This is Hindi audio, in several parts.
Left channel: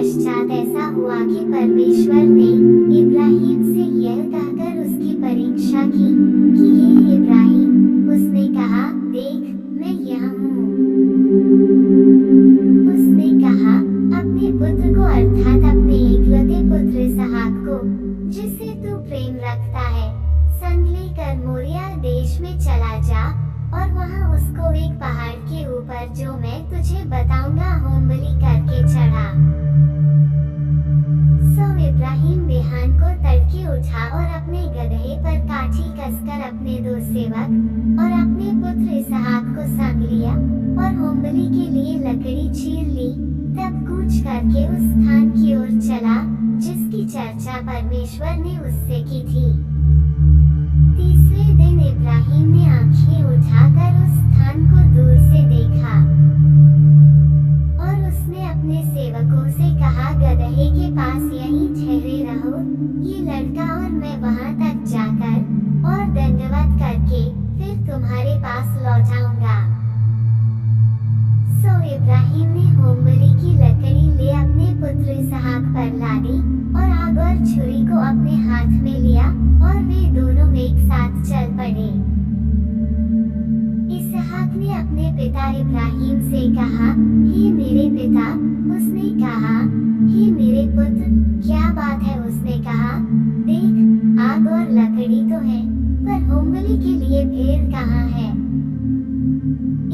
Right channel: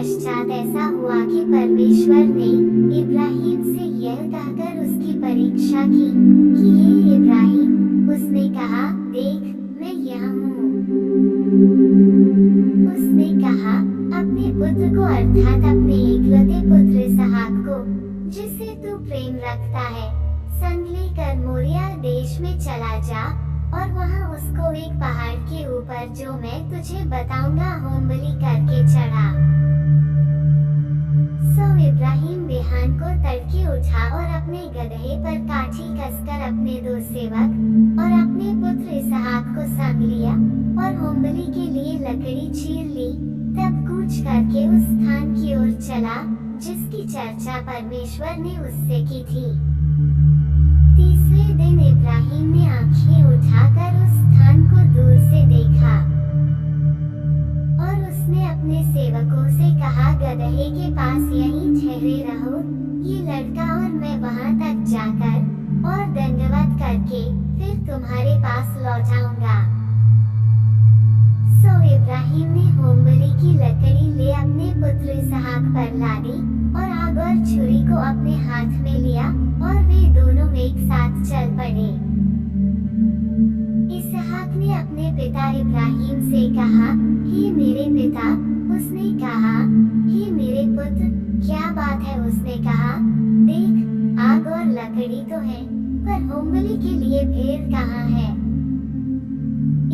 पश्चात ऐसा हुआ कि परमेश्वर ने इब्राहिम से यह कहकर उसकी परीक्षा की कि हे इब्राहिम, उसने कहा, देख, मैं यहाँ हूँ। उसने कहा, अपने पुत्र को अर्थात अपने एकलौते पुत्र इसहाक को, जिसे तू प्रेम रखता है, संग लेकर मोरिया देश में चला जा और वहाँ उसको एक पहाड़ के ऊपर जो मैं तुझे बताऊंगा होम बलि करके चढ़ा। सो इब्राहिम बिहान को तड़के उठा और अपने गदहे पर काठी कसकर अपने दो सेवक और अपने पुत्र इसहाक को संग लिया और होम बलि के लिए लकड़ी चीर ली। तब कूच करके उस स्थान की ओर चला जिसकी चर्चा परमेश्वर ने उससे की थी। तीसरे दिन इब्राहिम ने आंखें उठाकर उस स्थान को दूर से देखा और उसने अपने सेवकों से कहा, गदहे के पास यहीं ठहरे रहो, ये लड़का और मैं वहां तक जाकर और दंडवत करके फिर तुम्हारे पास लौट आऊंगा। सो इब्राहिम ने होम बलि की लकड़ी ले अपने पुत्र इसहाक पर लादी और आग और छुरी को अपने हाथ में लिया और वे दोनों एक साथ चल पड़े। इसहाक ने अपने पिता इब्राहिम से कहा, हे मेरे पिता। उसने कहा, हे मेरे पुत्र, क्या बात है? उसने कहा, देख, आग और लकड़ी तो है, पर होम बलि के लिए भेड़ कहाँ है?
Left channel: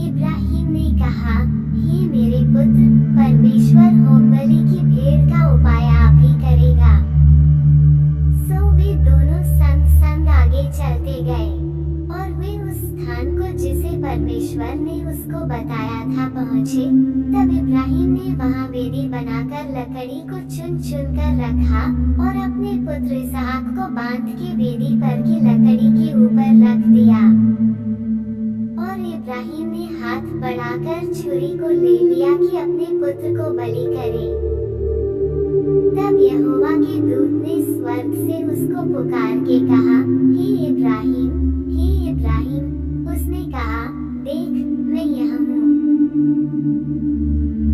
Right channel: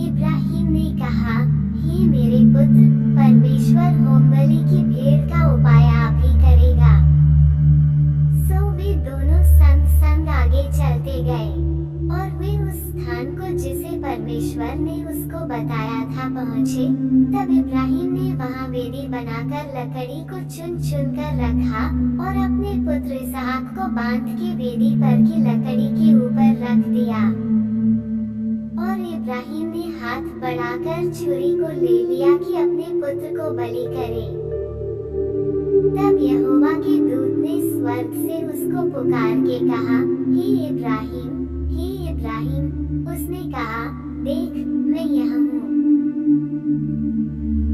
इब्राहिम ने कहा, हे मेरे पुत्र, परमेश्वर होम बलि की भेड़ का उपाय आप ही करेगा। सो वे दोनों संग संग आगे चलते गए और वे उस स्थान को जिसे परमेश्वर ने उसको बताया था पहुँचे। तब इब्राहिम ने वहाँ वेदी बनाकर लकड़ी को चुन चुन कर रखा और अपने पुत्र इसहाक को बांध के वेदी पर की लकड़ी के ऊपर रख दिया। और इब्राहिम ने हाथ बढ़ाकर छुरी को ले लिया कि अपने पुत्र को बलि करे। तब यहोवा के दूत ने स्वर्ग से उसको पुकार के कहा, हे इब्राहिम, हे इब्राहिम। उसने कहा, देख, मैं यहाँ हूँ।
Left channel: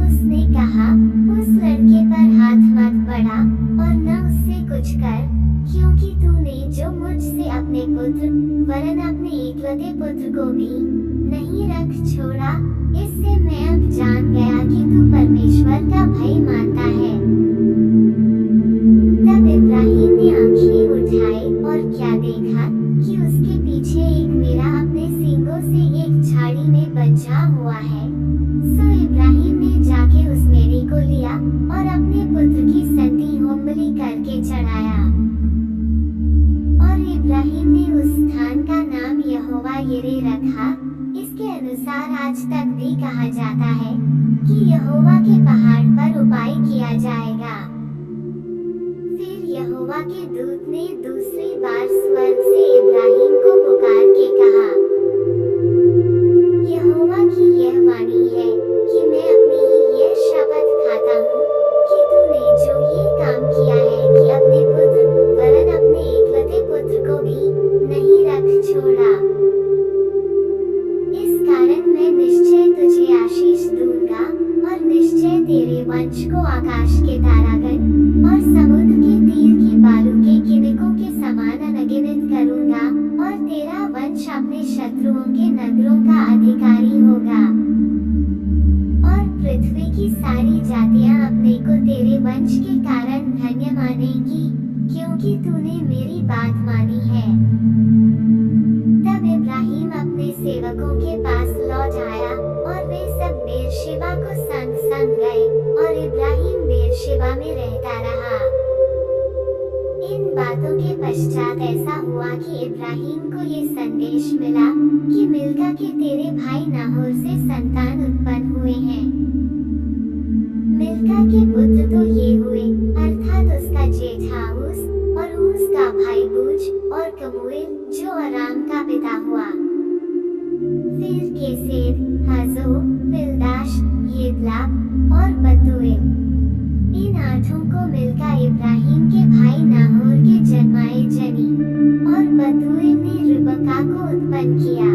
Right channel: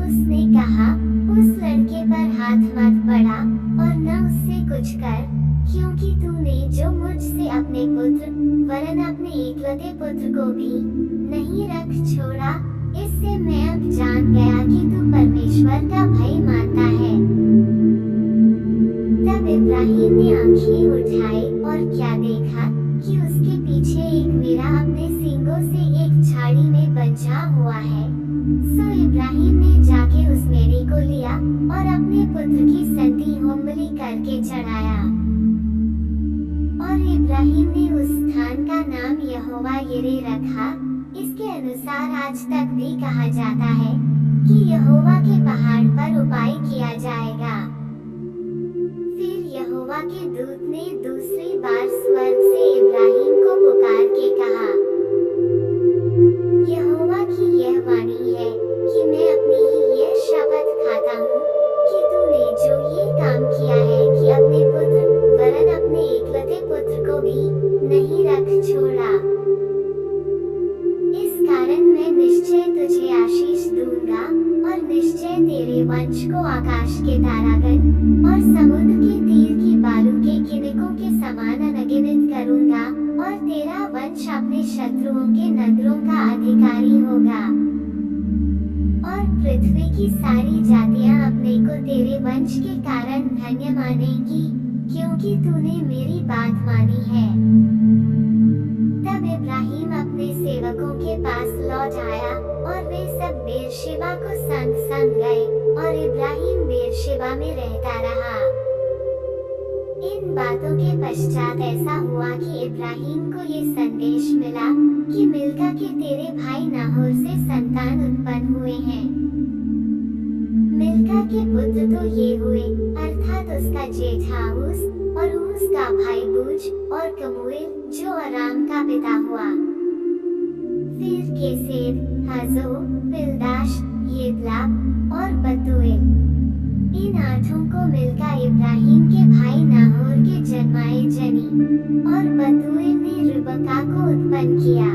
उसने कहा, उस लड़के पर हाथ मत बढ़ा और न उससे कुछ कर, क्योंकि तूने जो मुझसे अपने पुत्र वरन अपने एकलौते पुत्र को भी नहीं रख छोड़ा। इससे मैं अब जान गया कि तू परमेश्वर का भय मानता है। तब इब्राहिम ने आंखें उठाई और क्या देखा कि उसके पीछे एक मेढ़ा अपने सींगों से एक झाड़ी में बंधा हुआ है। सो इब्राहिम ने जाके उस मेढ़े को लिया और अपने पुत्र की संति होम बलि करके चढ़ाया। और इब्राहिम ने उस स्थान का नाम यहोवा यिरे रखा। इसके अनुसार आज तक भी कहा जाता है कि यहोवा के पहाड़ पर उपाय किया जाएगा। फिर यहोवा के दूत ने दूसरी बार स्वर्ग से इब्राहिम को पुकार के कहा, यहोवा की यह वाणी है कि मैं अपनी ही यह शपथ खाता हूँ कि तूने जो ये काम किया है कि अपने पुत्र वरन अपने एकलौते पुत्र को भी नहीं रख छोड़ा। इस कारण मैं निश्चय तुझे आशीष दूंगा और निश्चय तेरे वंश को आकाश के तारागण और समुद्र के तीर की बालू के किनकों के समान अनगिनत करूंगा और तेरा वंश अपने शत्रुओं के नगरों का अधिकारी होगा। और पृथ्वी की सारी जातियां अपने को तेरे वंश के कारण धन्य मानेंगी, क्योंकि तूने मेरी बात मानी है। तब इब्राहिम अपने सेवकों के पास लौट आया और वे सब बेरशेबा को संग संग गए और इब्राहिम बेरशेबा में रहता रहा। इन बातों के पश्चात ऐसा हुआ कि इब्राहिम को ये संदेश मिला कि मिल्का के तेरे भाई नाहोर से संतान उत्पन्न हुए हैं। मिल्का के पुत्र तो ये हुए, अर्थात उसका जेठा ऊस और ऊस का भाई बूज और कमूएल जो अराम का पिता हुआ। फिर केसेर, हजो, पिल्दाश, यिदलाप और बतूएल। इन आठों को मिल्का इब्राहिम के भाई नाहोर के जन्माए जनी और बतूएल ने रिबका को उत्पन्न किया।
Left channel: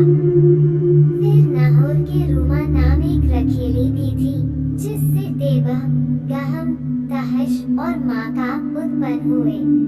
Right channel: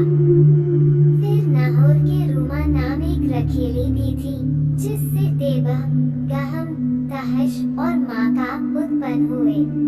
फिर नाहोर के रूमा नाम एक रखेली भी थी, जिससे तेबह, गहम, तहश और माका उत्पन्न हुए।